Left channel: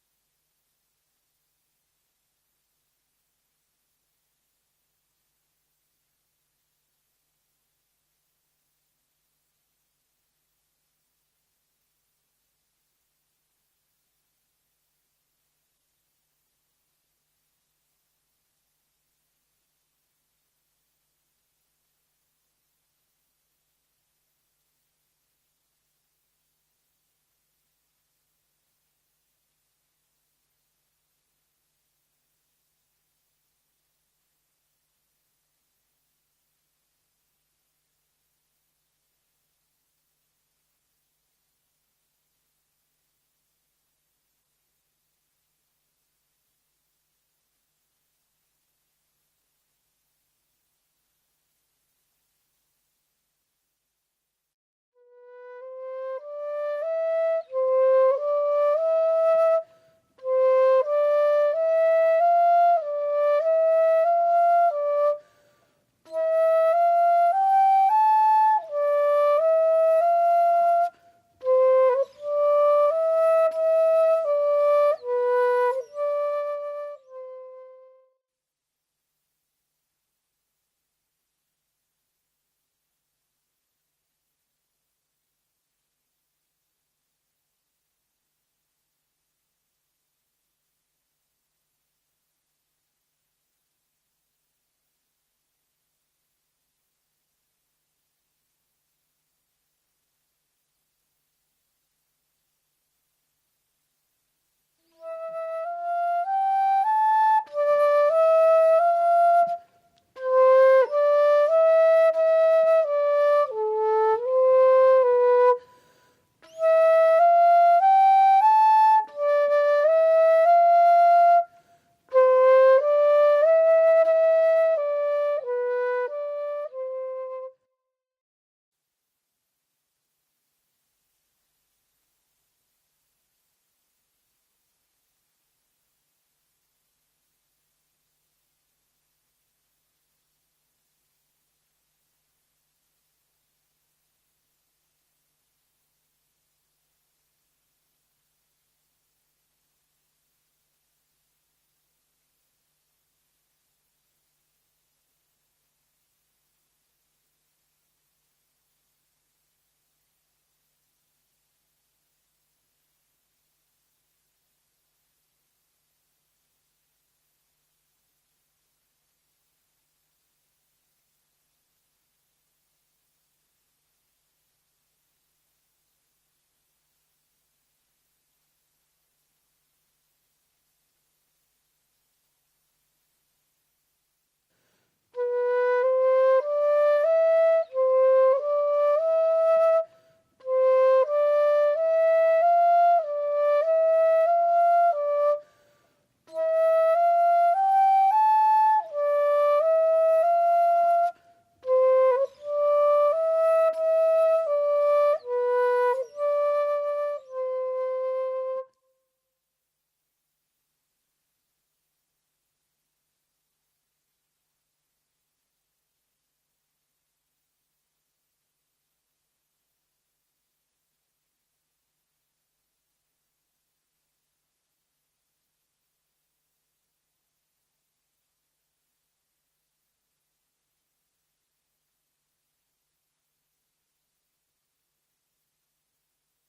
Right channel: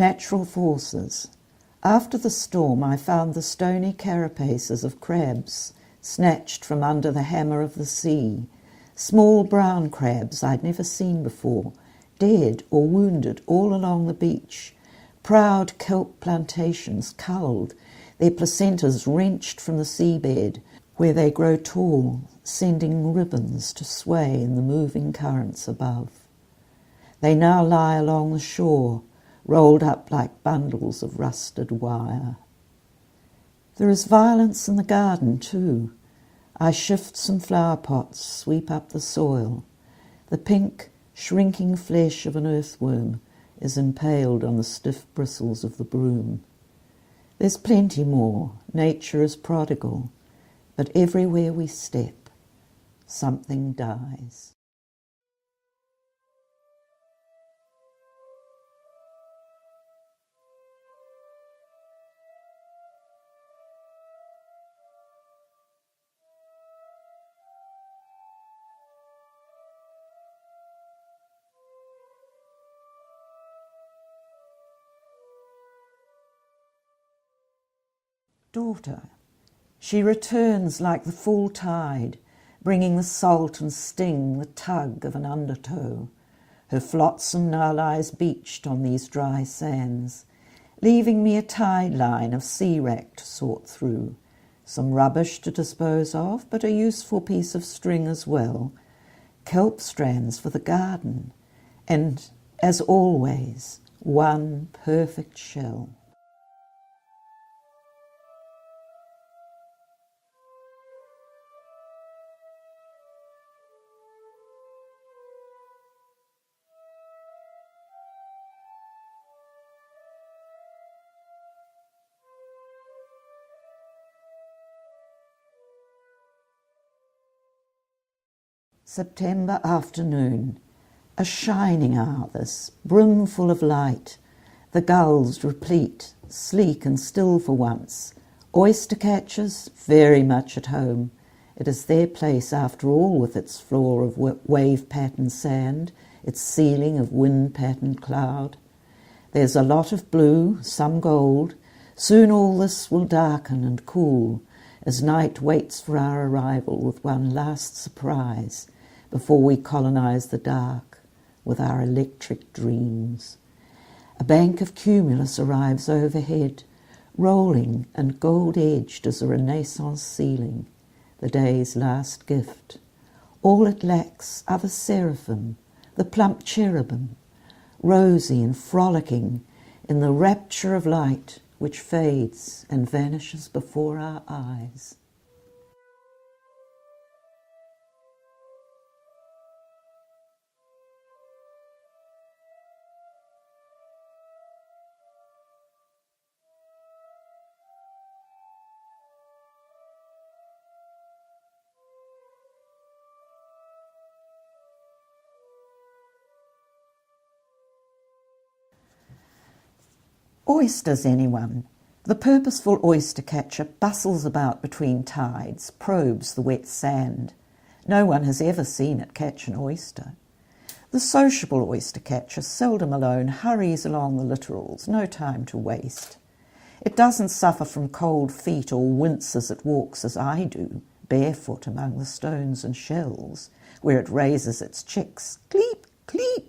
Natural forces. After the storm I found the stony carapaces of crabs, snatched from under the hammer of the sea, small brown crabs I'd never seen before, dead or wounded all along the beach, proud kelp plantations culled, their placentas wrenched from the seabed, where they grow tall, sending ribbons to sway in the moving currents above. They now lie along the shore, rolled up like bundles of rusted wire. There is violence in the garden too. I shift some flower pots, sweep up the soil. The pink, shrinking flesh of an earthworm is impaled on the stiff bristles of the broom. There's plenty more. Nature is prodigal. But everywhere we step, something dies. Daughter. She returns like the full tide, bringing the salt and sting, the tug of an undertow. Her flotsam now lies beached on these dry sands, leaving me a tide line of sea wrack to sort through, some rubbish to dispose of, but a useful piece of string as well, kelp strands for the garden, and, as always, one perfect shell. September afternoon, a shining hour this, brimful of light, the gulls replete, sleek and still for once, oyster catchers very much at home. It is their place after all, with its floor of wave-patterned sand, its ceiling of wind-patterned cloud. There's a lot of blue, some gold. Soon all this will darken and cool, as night waits for our arrival with one last surprise, before we colonise the dark with our electric dreams. A bank of cumulus arrives overhead, rolling and gold-edged as a Renaissance ceiling, the day's last gift. All it lacks are the seraphim, the plump cherubim, rosy and frolicking in the rapture of light which fades and vanishes before our eyes. Oysters, anyone? The purposeful oyster catcher bustles about between tides, probes the wet sand. No one has ever seen it catch an oyster. The sociable oyster catcher, seldom alone, hurries along the littorals, no time to waste. It doesn't suffer from cold feet or wince as it walks as I do, barefoot among the stones and shells, where it raises its chicks, cleep, cleep.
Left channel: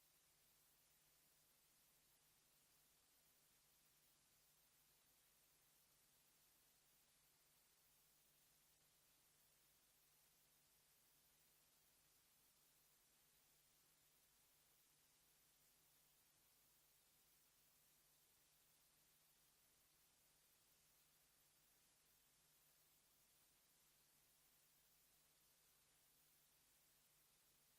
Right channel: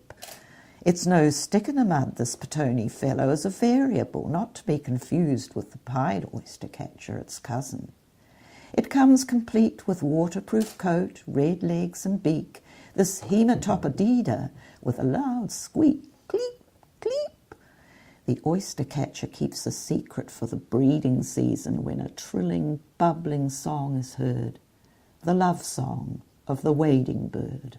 It's no stick in the mud, this Petone fellow, is a variable, not to be confused with the pied oyster catcher, its cousin. It comes complete with waterproof coat, red legs and beak, this hematopodida with a loud squeak, cleep, cleep. The oyster catcher keeps a secret for the breeding season when a trilling, bubbling song is heard, the love song of the wading bird.